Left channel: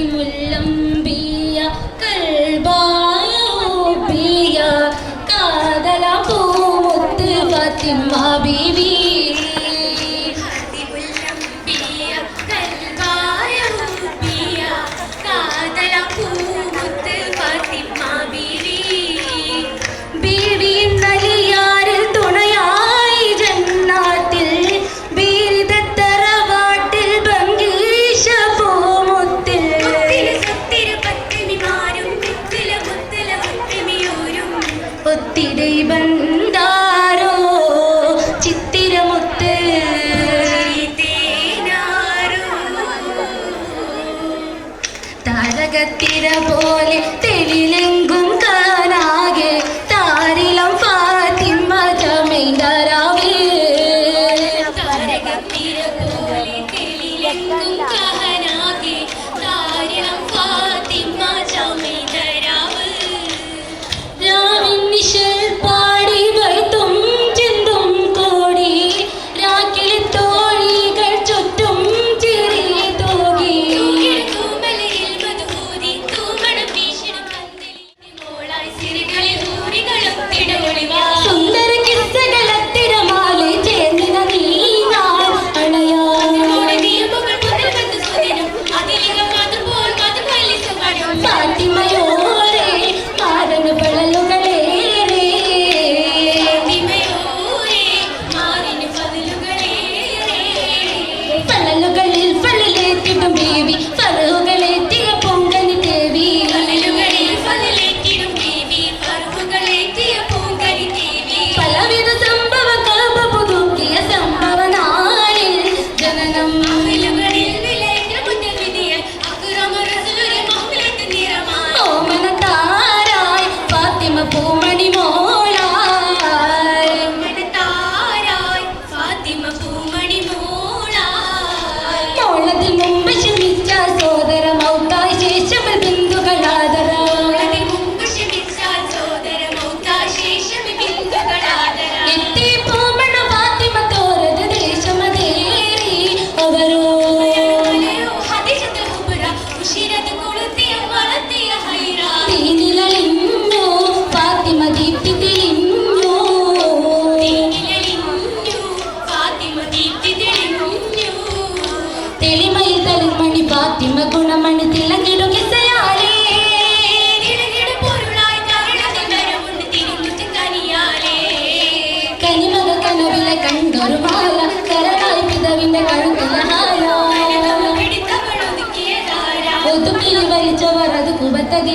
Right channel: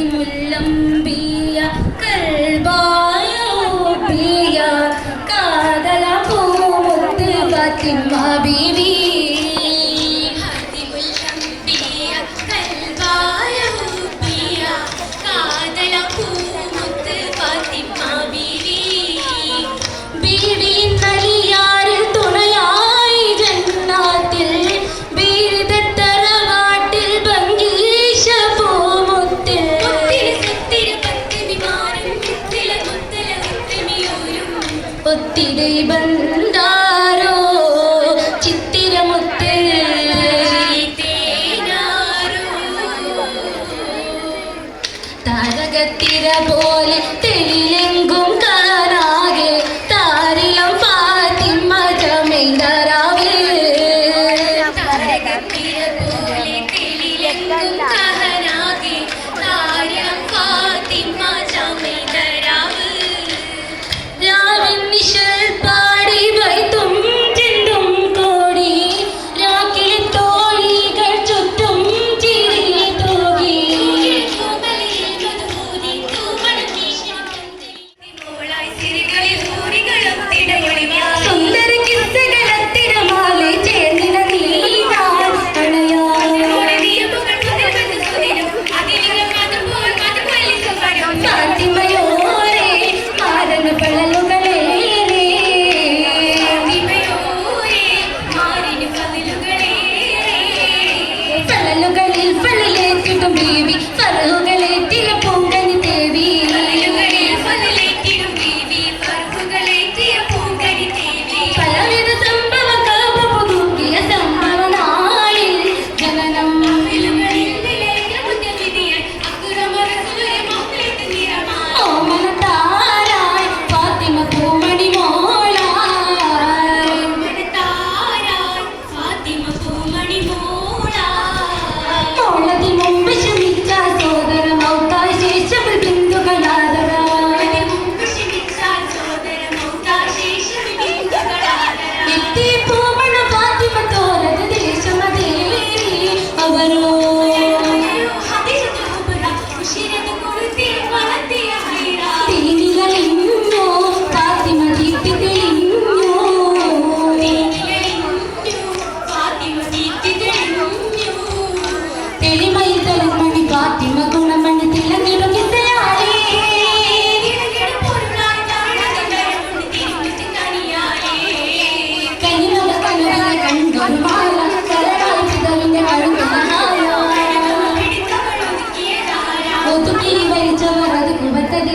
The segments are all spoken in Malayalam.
خاتم കൽബായ കാതല പൂമുത്ത് ഫാത്തിമ ബി baby.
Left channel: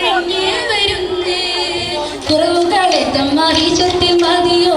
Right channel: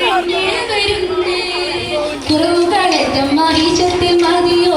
തേടി വരുന്നേ. കുറവുകളെ കുറവുകളെത്തും മഹിഷത്തിൽ മതിയോ?